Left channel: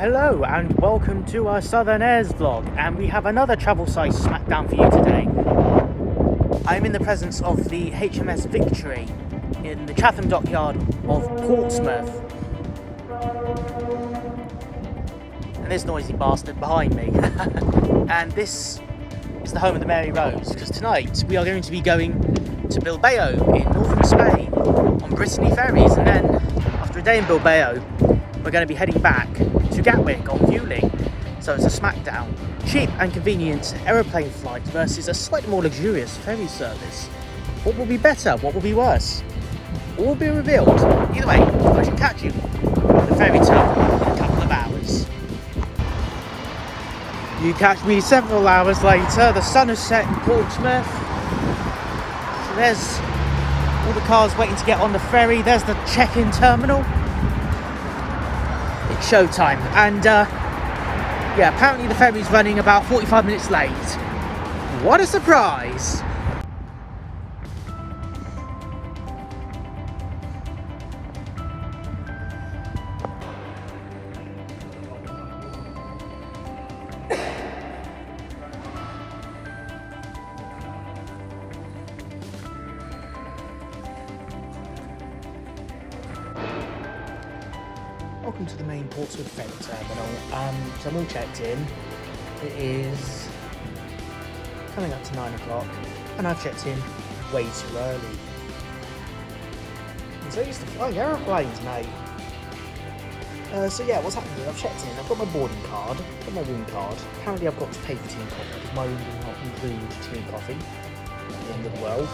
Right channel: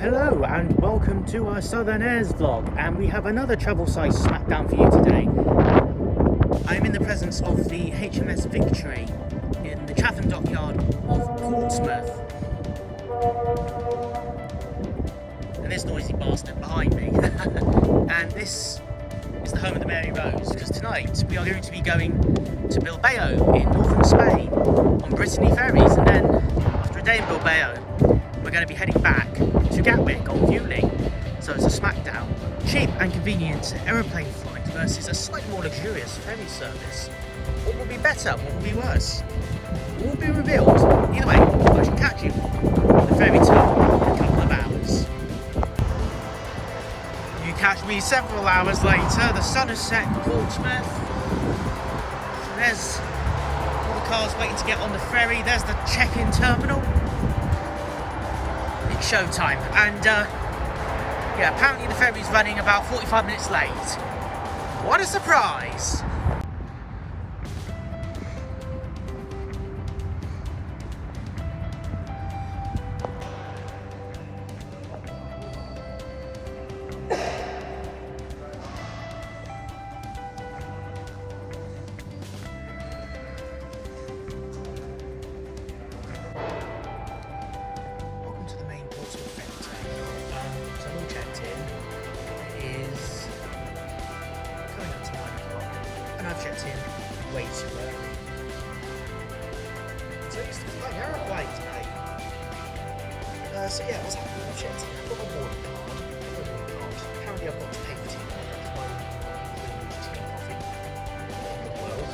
Hello and welcome to our Southern Airs vlog, and we have another travel sized smackdown for you today. I'm in the presence of the HMS Victory in the Chatham dockyard of Portsmouth. And there's a noisy bastard behind me. And this is the home of the Mary Rose, because tonight we are going to be going to Bilbao in northern Spain on Brittany Ferries, and then after a day in Bilbao we're going to be heading back to Gatwick on Vueling. So it's a smackdown. Cheap and convenient aeroplane flight versus a slightly more luxurious ferry service. What will be better? What will be worse? What will be revealed? Either way, I shall catch you on the ferry tour in a couple of hours. You catch me several hours later. The sun has set in Portsmouth. So there's all the cars waiting to get on the ferry. There's the check-in terminal. It's showtime, and yeah, apparently the ferry's running about 45 minutes late. What a surprise! Welcome to the main Portsmouth ferry terminal. So I'm all checked in. It is coming up to 9 o'clock, and I've checked in way too early. I'm so used to flying aeroplanes, mate. So yeah, what's happening? I've checked in. I've got my boarding card, I've got my room card. Apparently I've got to pay for tea and coffee. My room does not include tea and coffee in the world.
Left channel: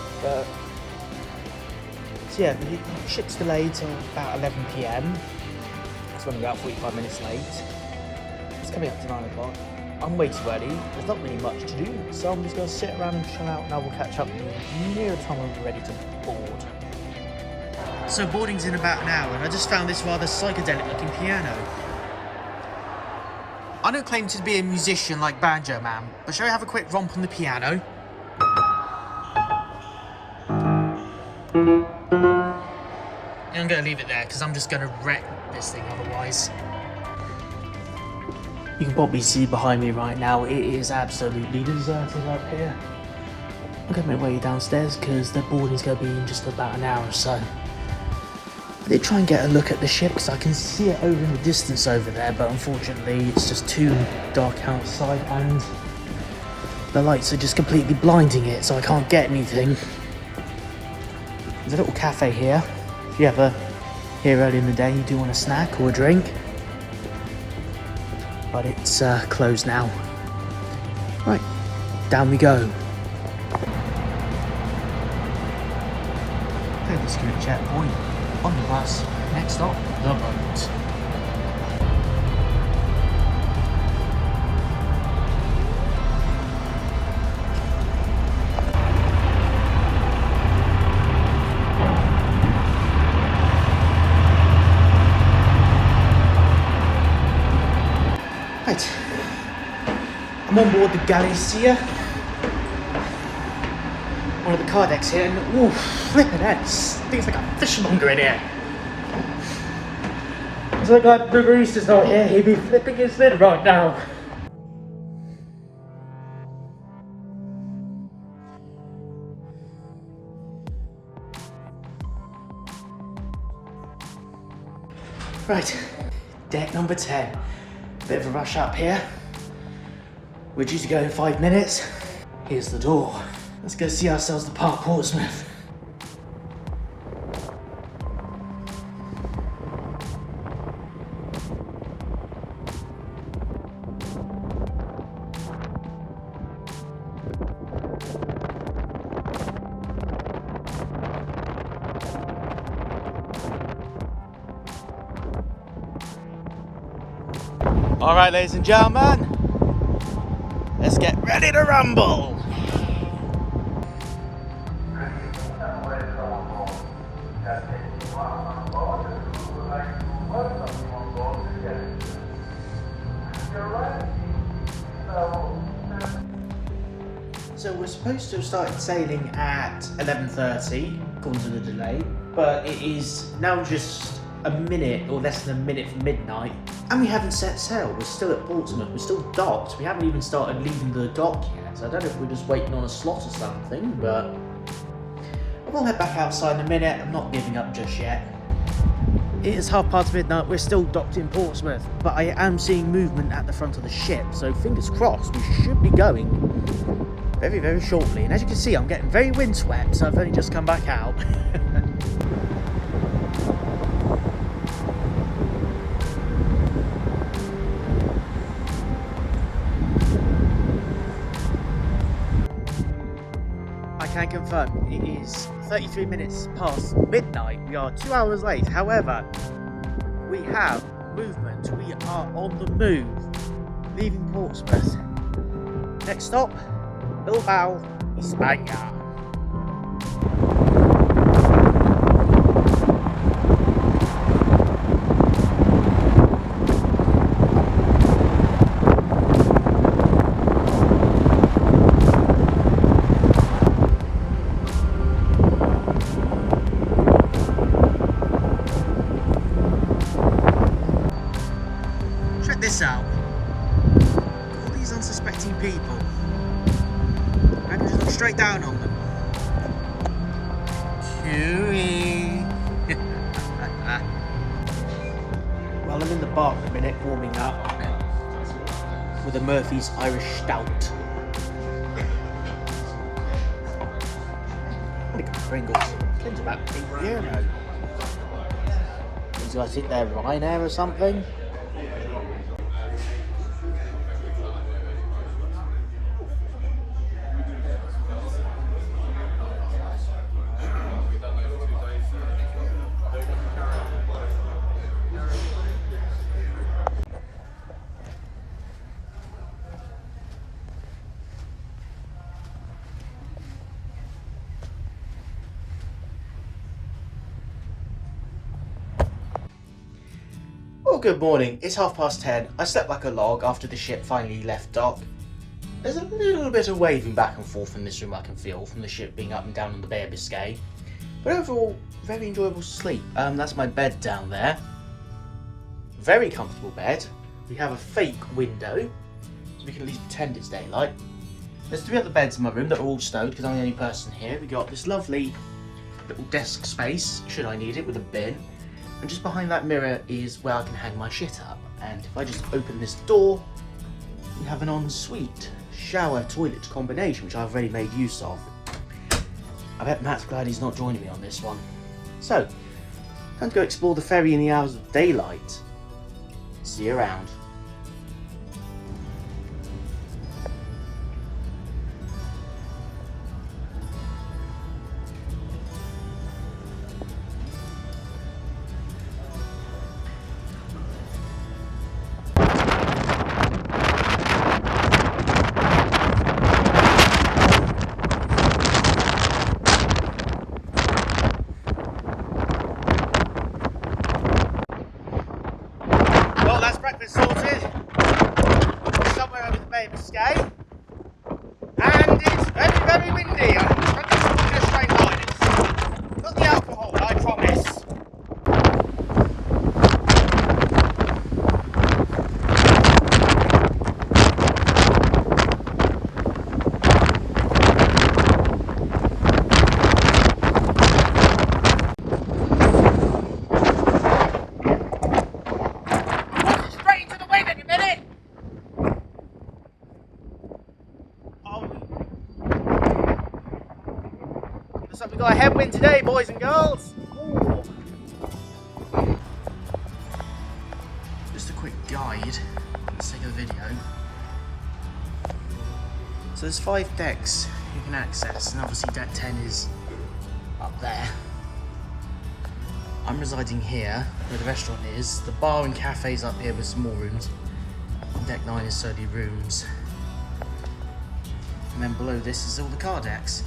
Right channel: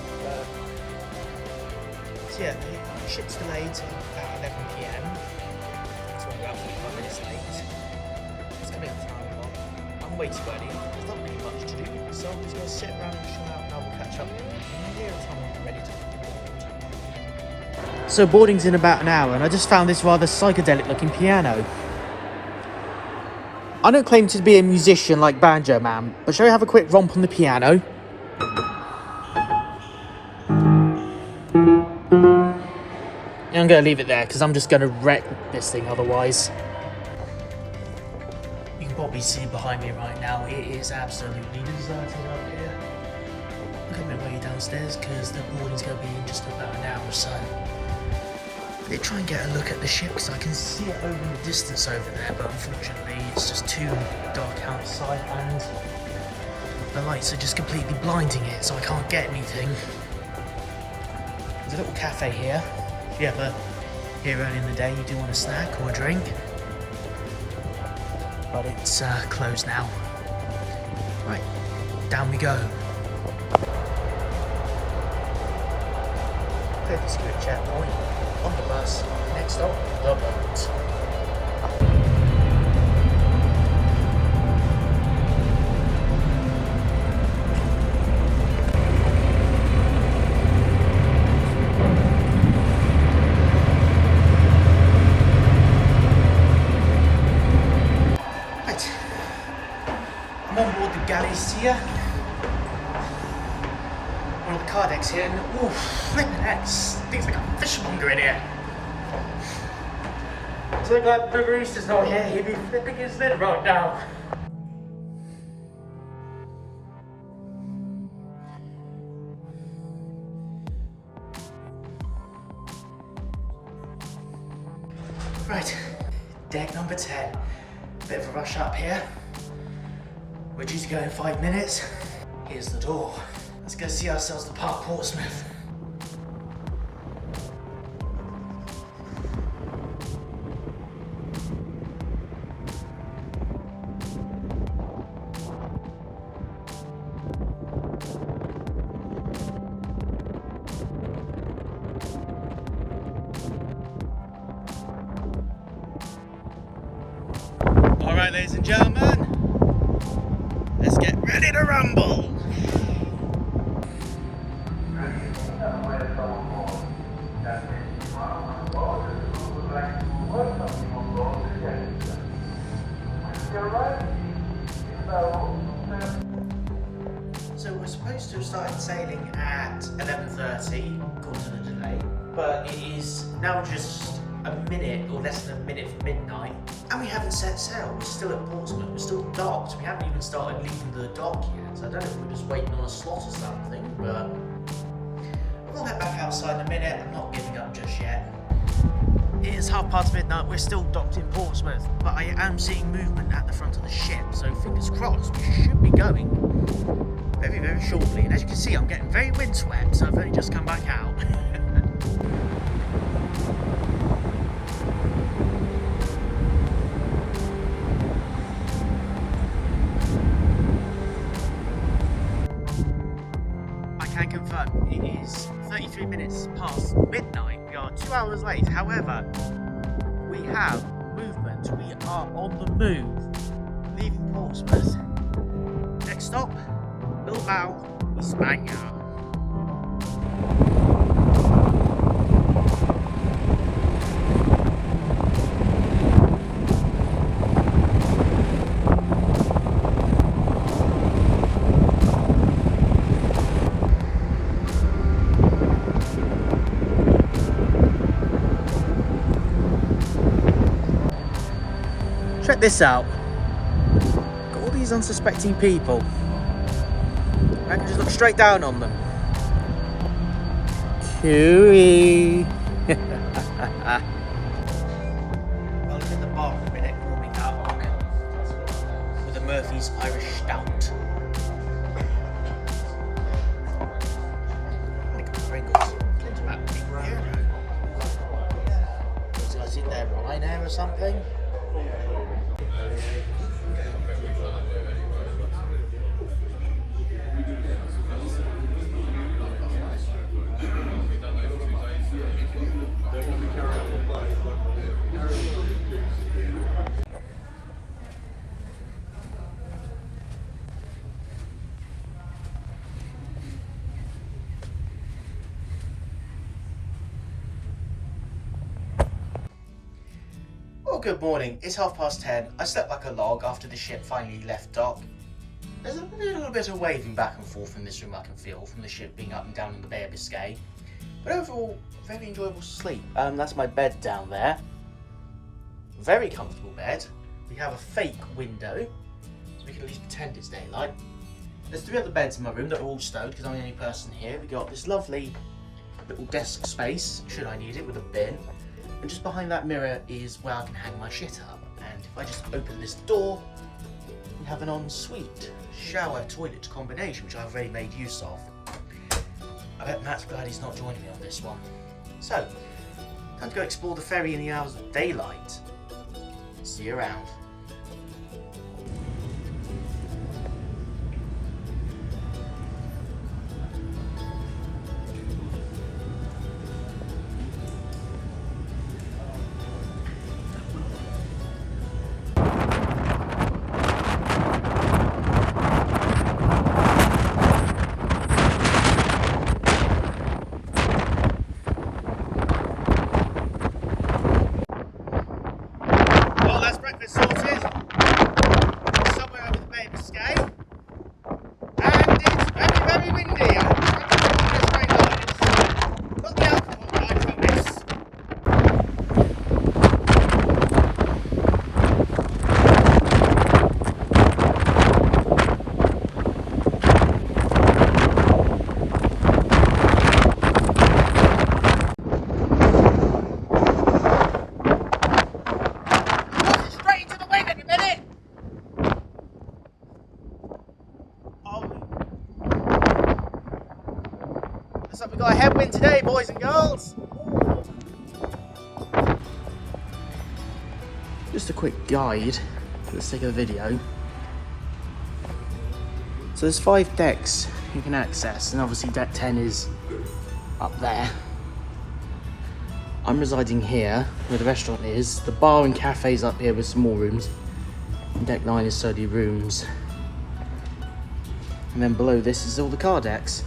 So yeah, the ship's delayed till about 11 PM. It's running about 45 minutes late. It's coming up to 9 o'clock. I'm way too early. There's not really much to do, so I'm just going to sit around and chill out, and I will catch up near the time I'm ready to board. So boarding's in about an hour, and I just found this rather psychedelic looking piano. I don't claim to be a musician like Banjoman, but shall we have a quick romp on the piano? I'm going to leave it there because I'm just going to wreck this thing otherwise. You can probably see behind me right now, it is absolutely deserted up here. I'm going to make my way downstairs because the boarding's going to be in just about an hour or so. I did try and get a look at the ship because I can see it over in the distance over there, but unfortunately it's just too dark outside and the lights are just completely blinding it, so I can't get anything. There's a little cafe here. If you ever here early in the day, you do want a snack or a drink. But it's closed now. Right, down we go. This good checkpoint. On the bus, next stop, the boat. I'm on board the Barista, one of the car decks here, and ooh, flippin' heck, things like a fishmonger in here. It's like the Barista's not here, he'd be flipping his lid right now. Right, deck number 10. Bit of a rush up here. We're due to go in 5 minutes. Here's the door. Let's go see ourselves depart Portsmouth. All right, ladies and gentlemen. Let's get ready to rumble! So we're supposed to have started sailing at 11:30, according to the delay, but it is now just a minute or less than a minute from midnight, And we haven't set sail, we're still at Portsmouth, we're still docked, we haven't even started leaving the dock yet. I don't know if we're just waiting on a slot or something, but we'll head back outside in a minute. I'm not giving up just yet. It is midnight, we're still docked in Portsmouth, but I am seeing movement at the front of the ship, so fingers crossed, we should be going very, very shortly. And as you can see, I'm getting very windswept, so I've only just come back out. I can confirm it is 33 minutes past midnight. We are 2 hours late. However, we have movement. We are on the move, leaving Portsmouth. Next stop, Bilbao, Spain. Check this out. Got all these unsuspecting people. I can just look straight down on them. Cooey. Well, I'm in the bar in a minute, warming up with a Murphy's Irish Stout. I think Pringles. Pringles about €8. Do I think they're Ryanair or something? Well, good morning. It's 10:30. I slept like a log after the ship finally left dock. There's a little bit of waving back and forth in this room I can feel from the ship being up and down on the Bay of Biscay. But overall, very enjoyable sleep. That's my bed down there. Very comfortable bed. We have a fake window, so we can at least pretend it's daylight. There's 3 other beds in my room that are all stowed because I'm the only person here. We got this lovely little desk space, should I need it, with a bin. And just behind that mirror is where I can hang my shit up. And if I just open this door, we have an ensuite shower toilet combination, which I've already made use of. I bet Matt's glad he's not joining me on this one. So, time to go explore the ferry in the hours of daylight. See you around. Well, that's breakfast sorted. Somewhere over the Bay of Biscay. And it's very, very windy. I'm trying to walk in a straight line. It's not the alcohol, I promise. So we got a headwind today, boys and girls. Ooh. Just a quick guide for the sake of the video. So there's 5 decks you can access, and obviously deck 10 is up there. I'm residing here where the restaurant is. The bar and cafe's up here with some more rooms. And deck 9 is solely rooms. And then below this is all the car decks.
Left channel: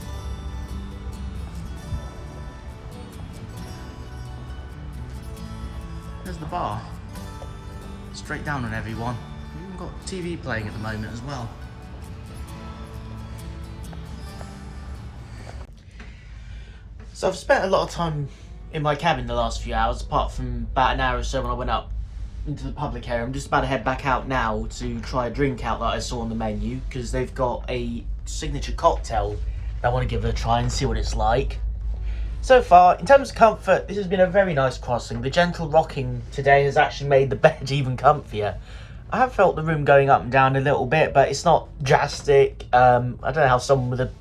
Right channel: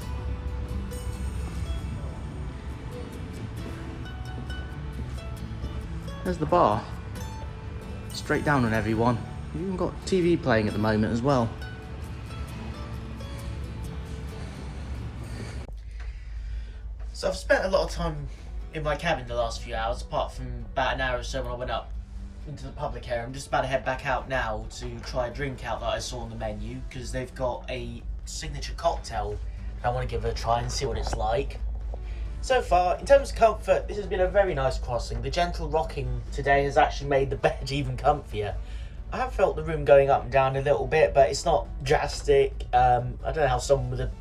There's the bar. Straight down on everyone. We've even got TV playing at the moment as well. So I've spent a lot of time in my cabin the last few hours, apart from about an hour or so when I went up into the public area. I'm just about to head back out now to try a drink out that I saw on the menu, because they've got a signature cocktail that I want to give it a try and see what it's like. So far, in terms of comfort, this has been a very nice crossing. The gentle rocking today has actually made the bed even comfier. I have felt the room going up and down a little bit, but it's not drastic. I don't know how someone with a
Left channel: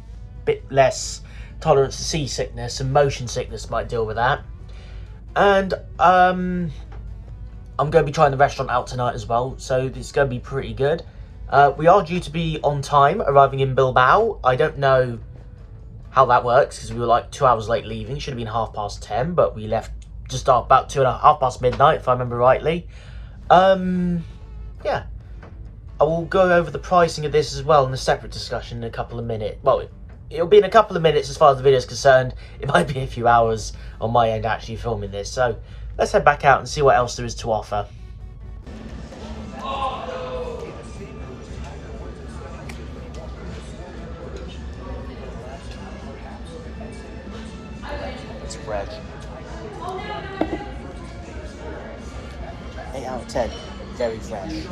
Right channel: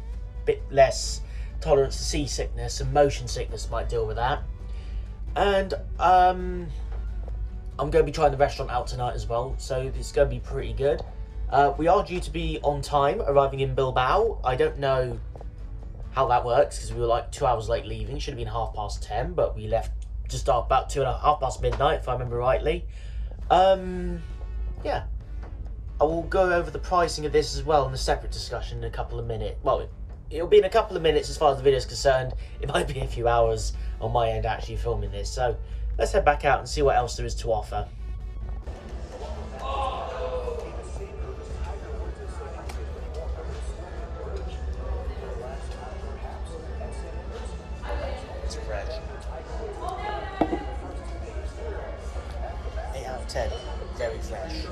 bit less tolerance to seasickness and motion sickness might deal with that. And I'm going to be trying the restaurant out tonight as well, so this is going to be pretty good. We are due to be on time, arriving in Bilbao. I don't know how that works, because we were like 2 hours late leaving. Should have been 10:30, but we left just about 2:30 past midnight, if I remember rightly. Yeah, I will go over the pricing of this as well in a separate discussion in a couple of minutes. Well, it'll be in a couple of minutes as far as the video is concerned. It might be a few hours on my end actually filming this. So let's head back out and see what else there is to offer. It's fresh. 8 out of 10. Very fresh. So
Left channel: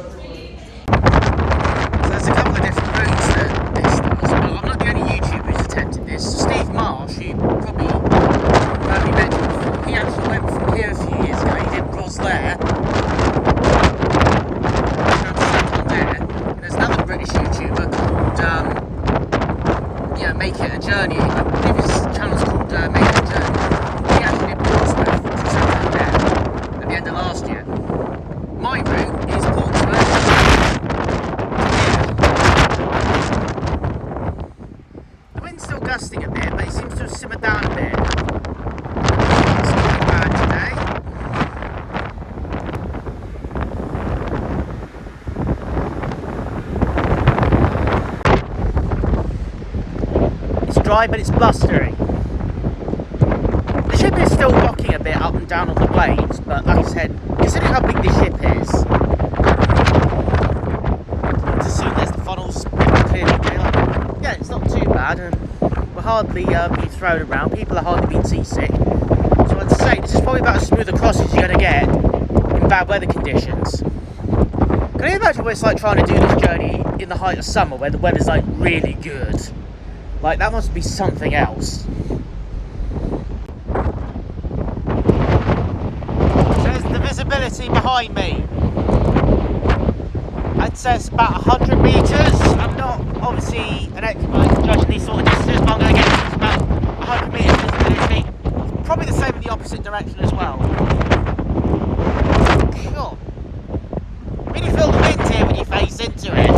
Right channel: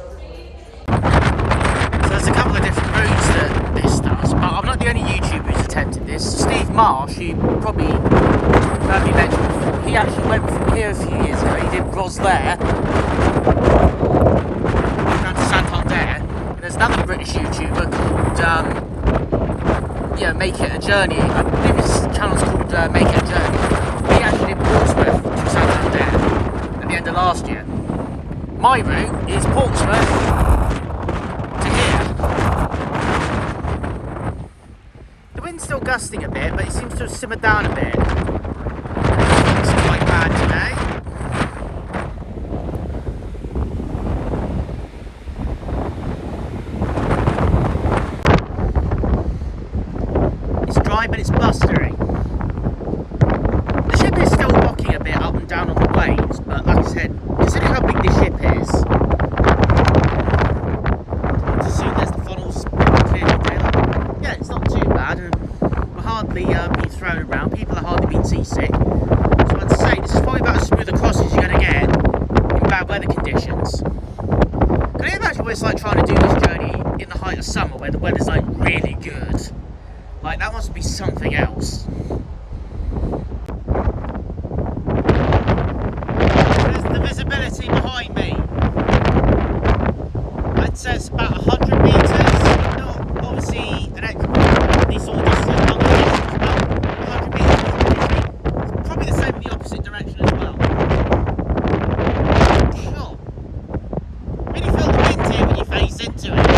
there's a couple of different routes that this does, but I'm not the only YouTuber who's attempted this. Steve Marsh, who probably heard me mention, he actually went from here a few years ago. He did Roslair down to Santander. And there's another British YouTuber called Make It a Journey. I believe his channel's called Make It a Journey. He actually did Portsmouth to Santander at the end of last year. My route is Portsmouth to here. The wind's still gusting a bit, but it seems to have simmered down a bit. It's quite bad today. It's dry, but it's blustery. The ship is still rocking a bit up and down on the waves, but like I said, considering how big this ship is, as soon as the funnel's clearly daylight, yeah, it's not too bad, and we're hardly being thrown around. People are hardly being seasick. So I'd say this is probably about as smooth a crossing as you're going to get in bad weather conditions. Can you imagine what it's like trying to do this journey in the height of summer, where the weather's like really good? Like, that must be something else. Visibility behind me, I'd say it's about 100 metres. I'm not obviously an expert on these sort of distances, but I'm going to guess it's about 100 metres visibility. It's probably the same in the opposite direction as well. Sure. Really feel the wind here when you face into it.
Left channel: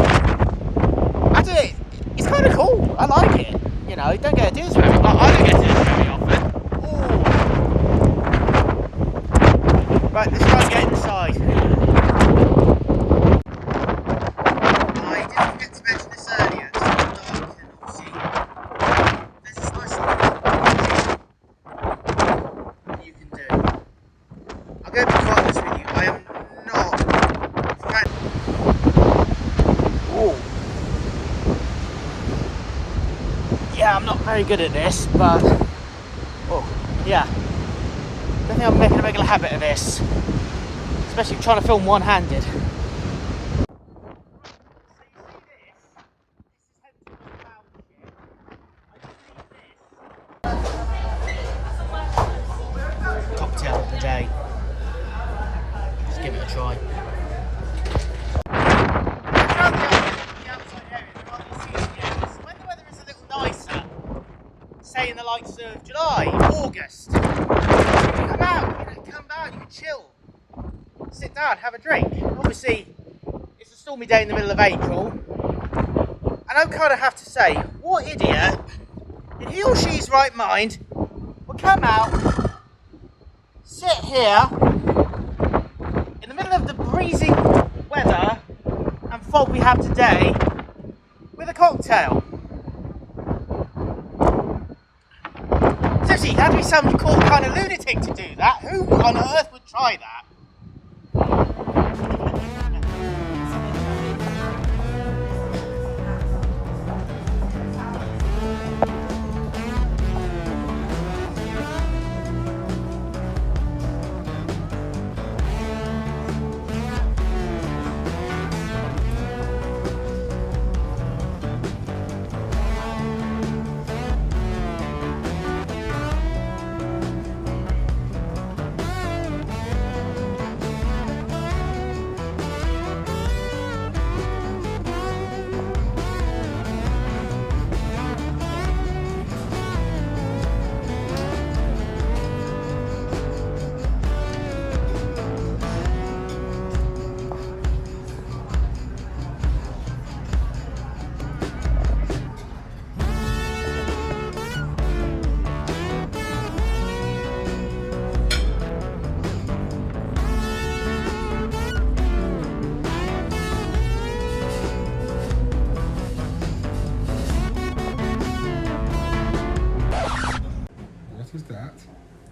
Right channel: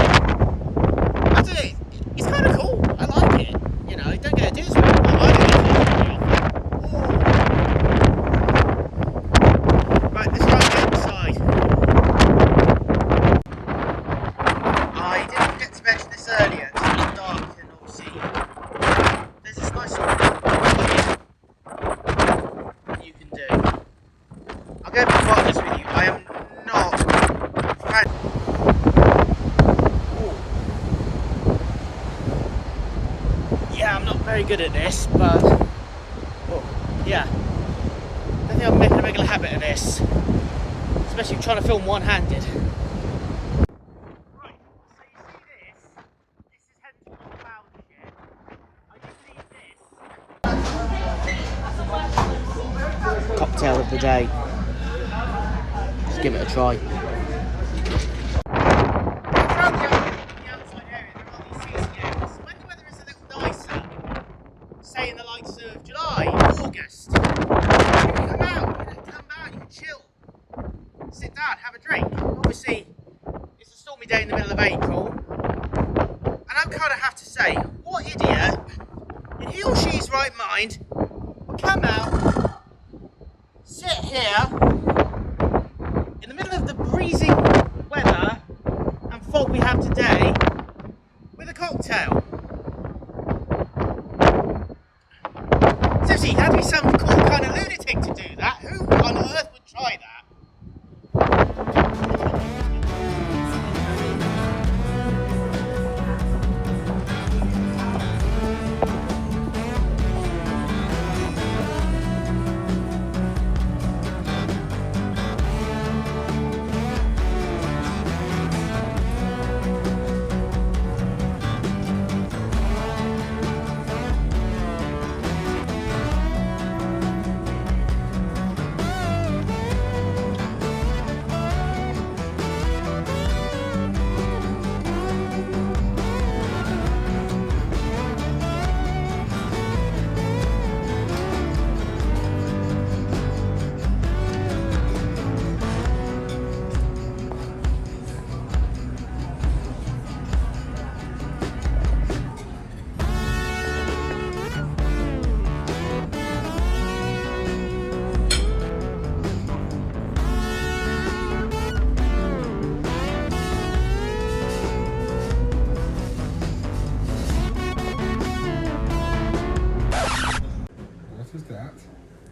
I do it. It's kind of cool. I like it. You know, you don't get to do this very often. I don't get to do this very often. Right, let's try and get inside. I didn't get to mention this earlier, it's still dark and obviously there's this nice little that you can do. I'm going to be quite honest with you, I am not yeah, I'm not very good at this, but yeah. I think I'm making a regular habit of this, especially trying to film one-handed. Cocktail of the day. Let's give it a try. When the weather is a little nicer, say in the likes of July, August, come out, you can chill, sit down, have a drink. Obviously, it's a stormy day in the middle of April, and I kind of have to say, what idiot, in he or she's right mind, will come out, sit here, in the middle of the freezing weather and fog we have today, with a cocktail. Seriously, you have to be some kind of lunatic to do that. Who on earth would try that?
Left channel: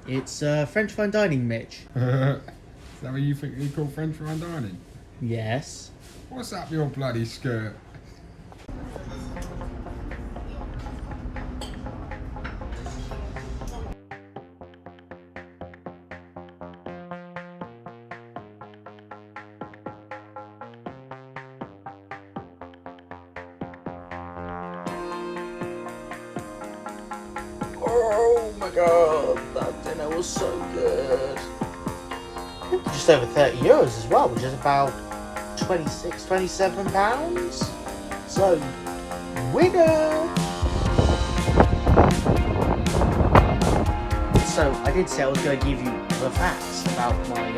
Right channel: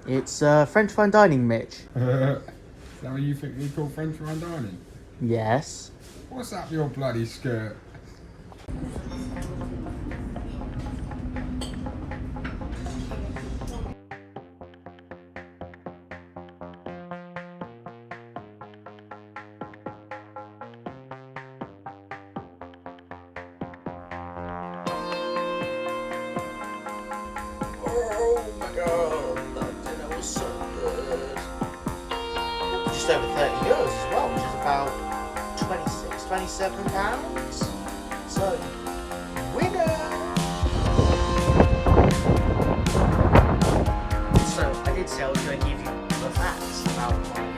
It's French fine dining, Mitch. Is that what you think we call French fine dining? Yes. What's up your bloody skirt? Oh my god, that dinner was so good. Just over 30 euros as well, which is about 27 pounds. So, winner! So, I did say I was going to give you the facts about my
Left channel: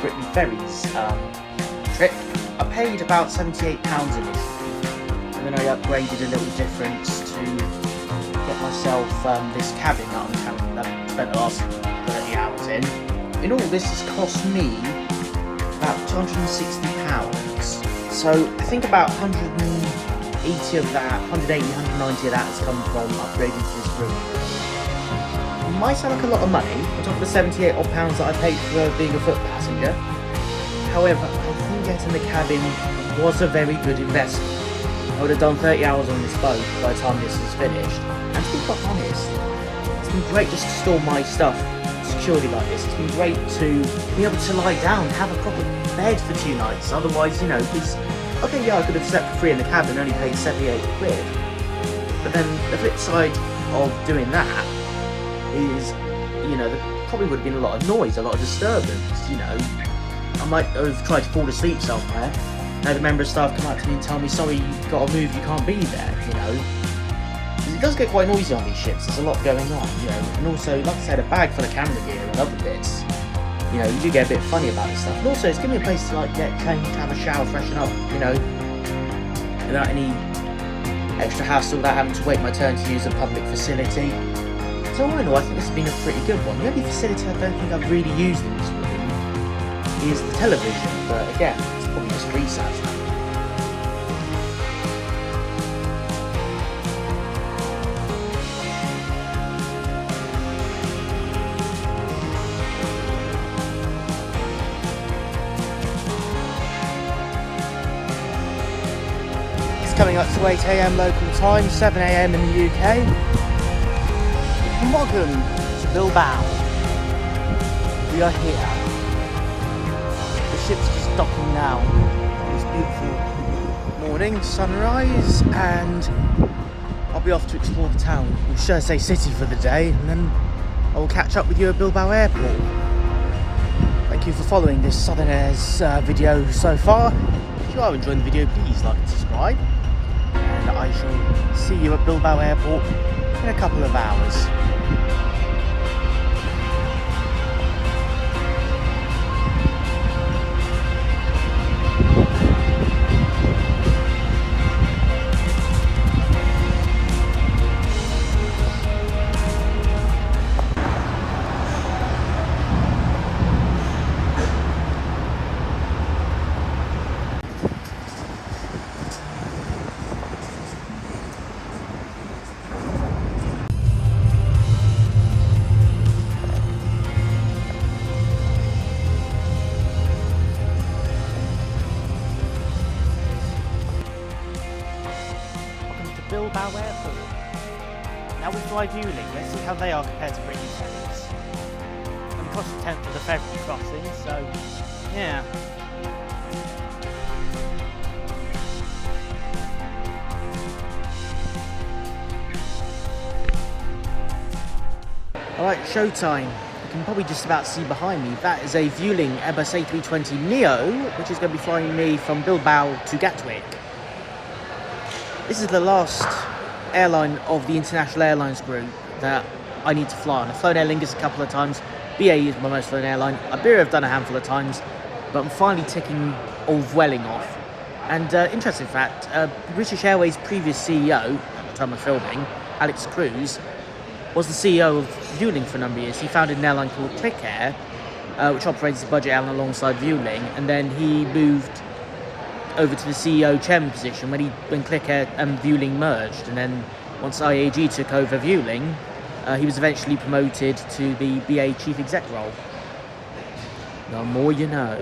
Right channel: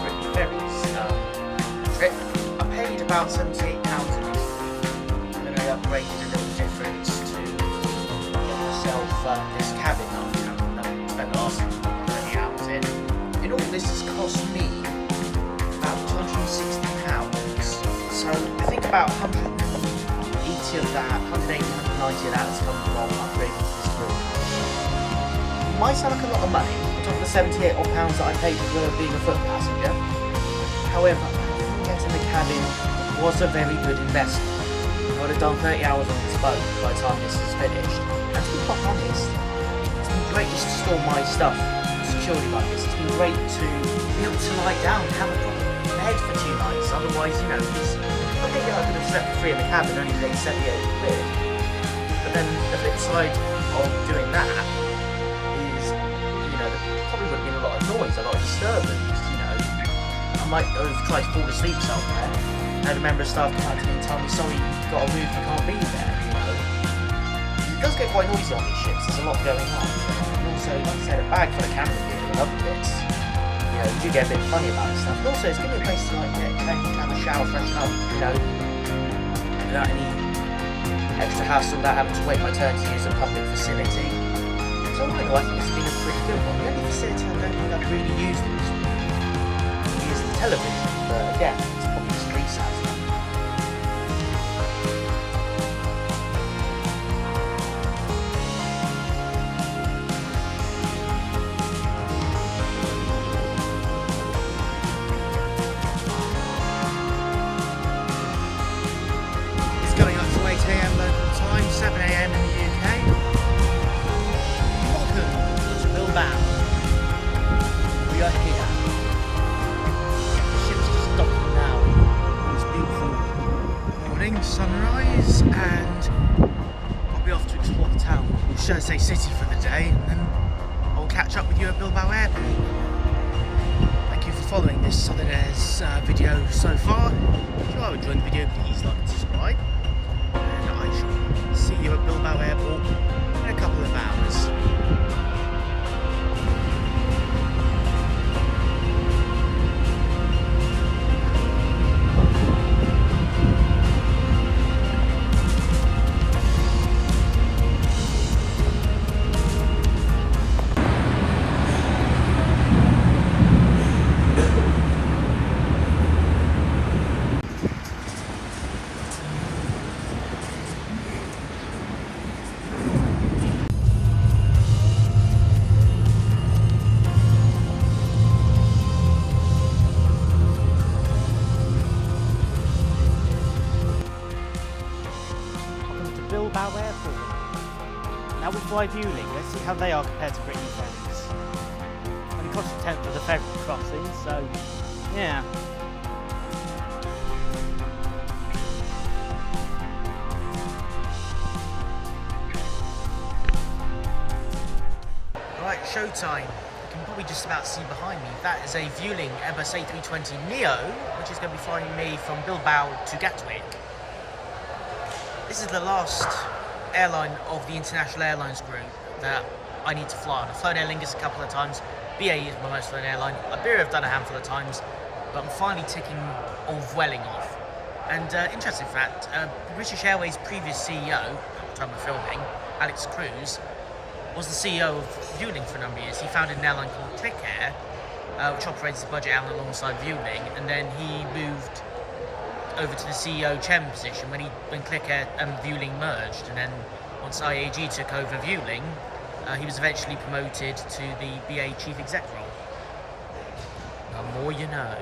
Brittany Ferries trip. I paid about £78 initially, and then I upgraded a little difference to get myself this cabin that I spent the last 30 hours in. In all, this has cost me about £260. So I think about 180 of that, 190 of that has come from upgrading to this room. It might sound like a lot of money on top of the £78 odd that I paid for being a foot passenger. However, I think getting the cabin was a very good investment. I would have done 30 hours on this boat by the time this is finished. And to be quite honest, it's been great just to store my stuff securely like this. It's been great to be able to lie down, have a proper bed for 2 nights. Otherwise, you know, because I think I could have slept for free in the cabin, only paid 78 quid. But then the flip side of doing that is, you know, there probably would have been a lot of noise, a lot of disturbance, you know. I might have tried to fall asleep somewhere, had a member of staff come out to me and tell me, sorry, you've got to move, you can't be there, you know. It does get quite noisy on these ships, there's a lot going on, you know. And also, like I said, a bag full of camera gear and other bits. You know, you do get a bit funny about this stuff. And also, it's giving me a place to like get changed, have a shower, freshen up, you know, without any extra hassle, without having to wait my turn to use a public facility. So all in all, I think this has been a pretty good one. The only facility I don't think I've really used in this room is the television, but again, it's probably just resat stuff. Coming up to 8 AM local time, 7 AM in the UK. Welcome to Bilbao. We are here. The ship's just docking now. It's beautiful morning, sunrise, and I'll be off to explore the town, or should I say city, for the day, and then I will catch up with you at Bilbao Airport. Thank you for following this Southern Airs video so far. If you are enjoying the video, please like and subscribe. And I shall see you at Bilbao Airport in a couple of hours. Bilbao Airport. Now we fly Vueling. Let's see how they are compared to Brittany Ferries. Only cost a tenth of the ferry crossing, so yeah. Alright, showtime. You can probably just about see behind me. That is a Vueling Airbus A320neo, which is going to be flying me from Bilbao to Gatwick. This is the last airline of the International Airlines group that I need to fly on. I've flown Aer Lingus a couple of times. BAE is my most flown airline. Iberia I've done a handful of times, but I'm finally ticking all Vueling off. And interesting fact, British Airways' previous CEO, at the time of filming, Alex Cruz, was the CEO of Vueling for a number of years. He founded an airline called Click Air, which operates as a budget airline alongside Vueling, and then he moved over to the CEO chairman position when Click Air and Vueling merged, and then once IAG took over Vueling, He was eventually promoted to the BA Chief Exec role. The more you know.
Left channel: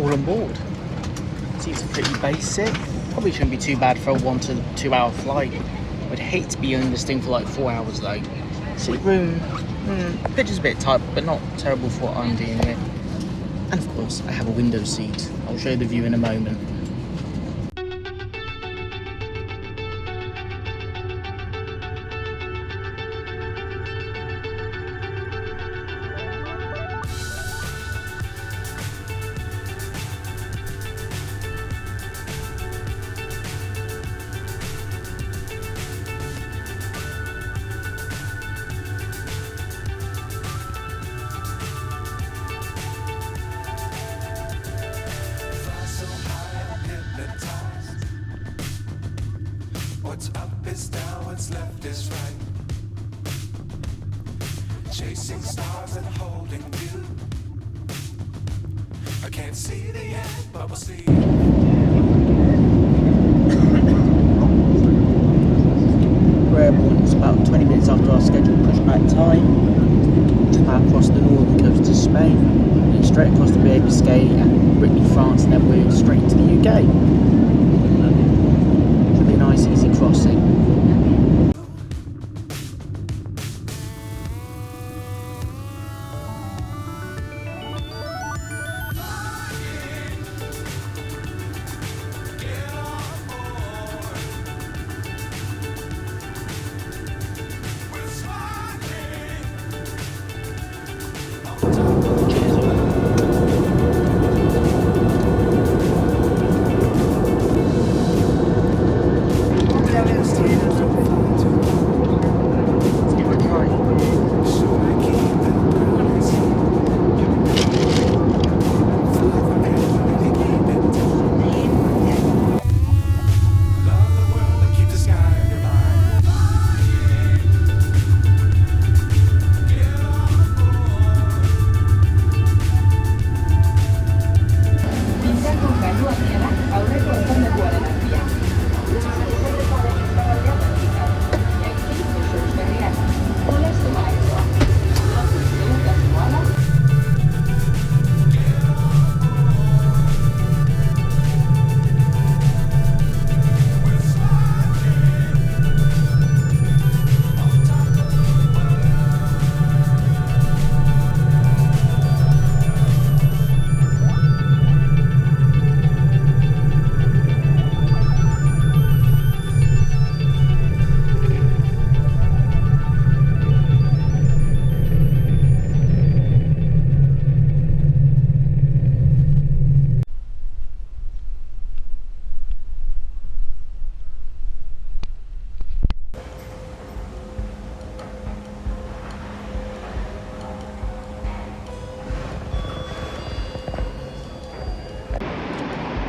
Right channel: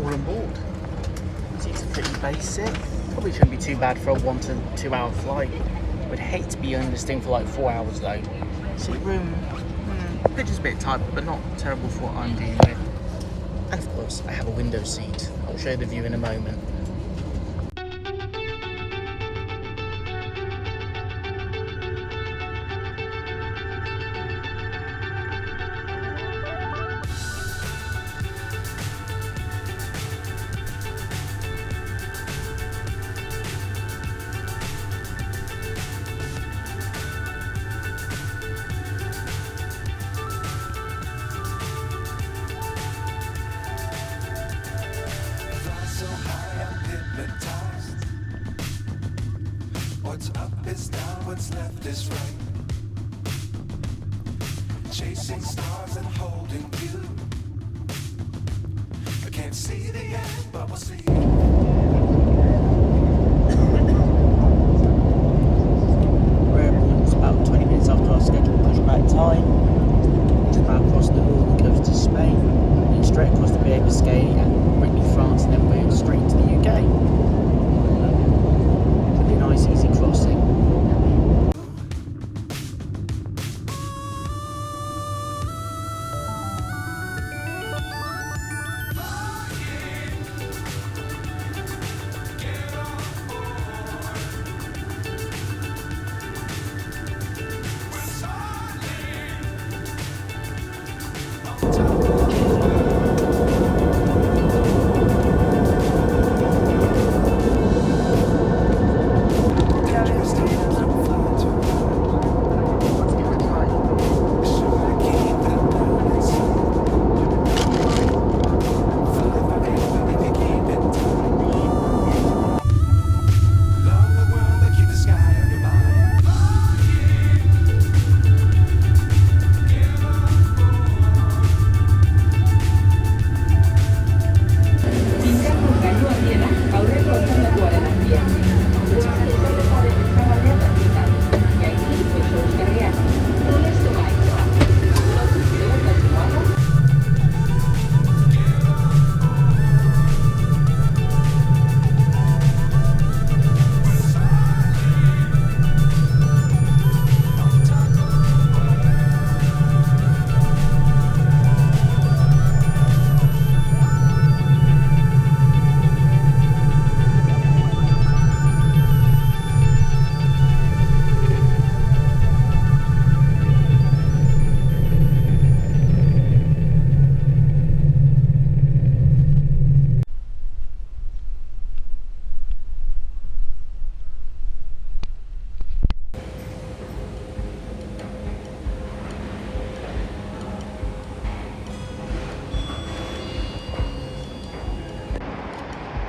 All on board. Seats are pretty basic. Probably shouldn't be too bad for a 1 to 2 hour flight. Would hate to be on this thing for like 4 hours though. Seat room, pitch is a bit tight, but not terrible for what I'm dealing with. And of course, I have a window seat. I'll show you the view in a moment. What's up is down, what's left is right. Chasing stars and holding you. I can't see the end, but we'll see. We're airborne. It's about 20 minutes after our scheduled pushback time. Just now across the northern coast of Spain, and then straight across the Bay of Biscay and Brittany, France, and then we're straight to the UK. Should be a nice, easy crossing.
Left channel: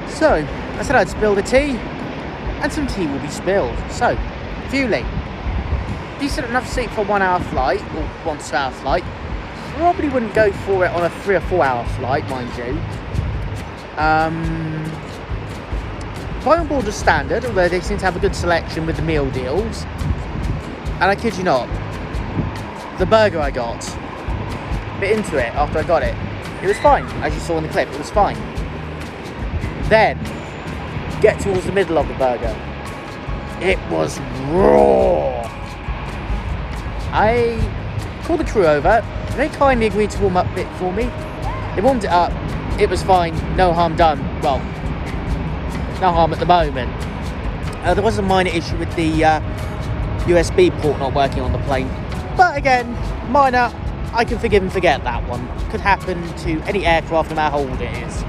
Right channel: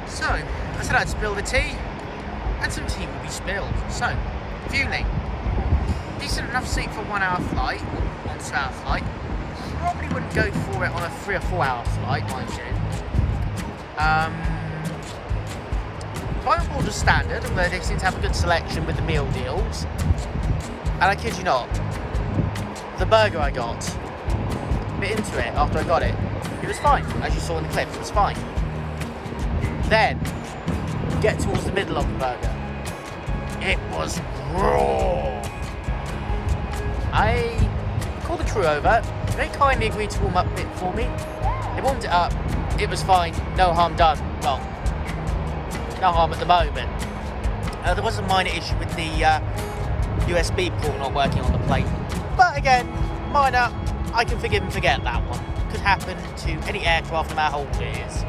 So, I said I'd spill the tea, and some tea will be spilled. So, Vueling. Decent enough seat for a 1 hour flight, or 1 to 2 hour flight. Probably wouldn't go for it on a 3 or 4 hour flight, mind you. Flight on board was standard, although they seem to have a good selection with the meal deals. And I kid you not, the burger I got, bit into it after I got it. It was fine, as you saw in the clip, it was fine. Then, get towards the middle of the burger. It was raw. I called the crew over. They kindly agreed to warm up a bit for me. They warmed it up. It was fine. No harm done. Well, no harm at the moment. There was a minor issue with the USB port not working on the plane. But again, minor. I can forgive and forget that one. Could happen to any aircraft no matter how old it is.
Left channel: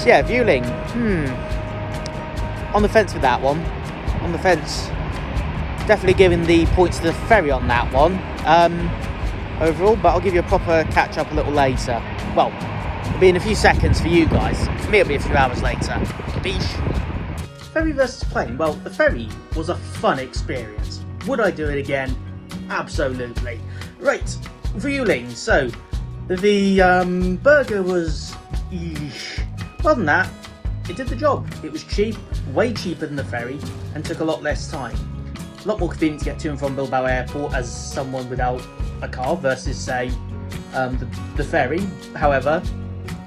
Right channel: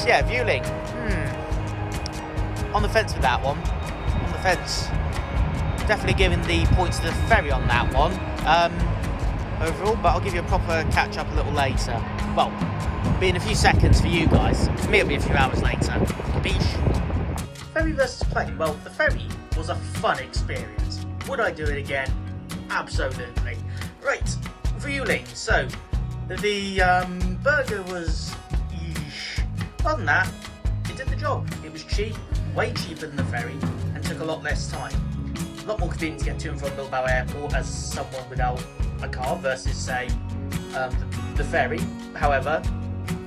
So yeah, Vueling. On the fence with that one. On the fence. Definitely giving the points to the Ferry on that one. Overall, but I'll give you a proper catch up a little later. Well, it'll be in a few seconds for you guys. For me, it'll be a few hours later. Capiche? ferry versus plane. Well, the ferry was a fun experience. Would I do it again? Absolutely. Right, Vueling. So, the burger was... Other than that, it did the job. It was cheap, way cheaper than the ferry, and took a lot less time. A lot more convenient to get to and from Bilbao Airport as someone without a car versus, say, the ferry. However,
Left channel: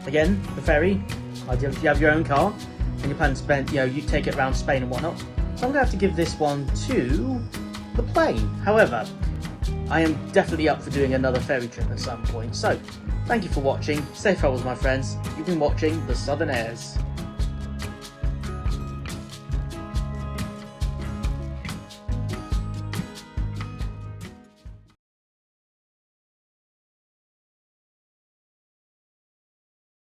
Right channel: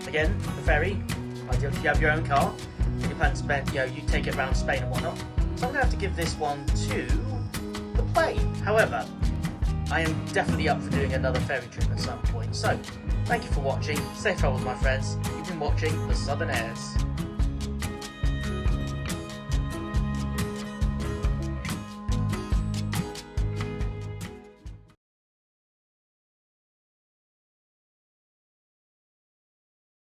again, the ferry, ideally if you have your own car and you plan to spend, you take it around Spain and whatnot. So I'm going to have to give this one to the plane. However, I am definitely up for doing another ferry trip at some point. So, thank you for watching. Safe travels, my friends. You've been watching The Southern Airs.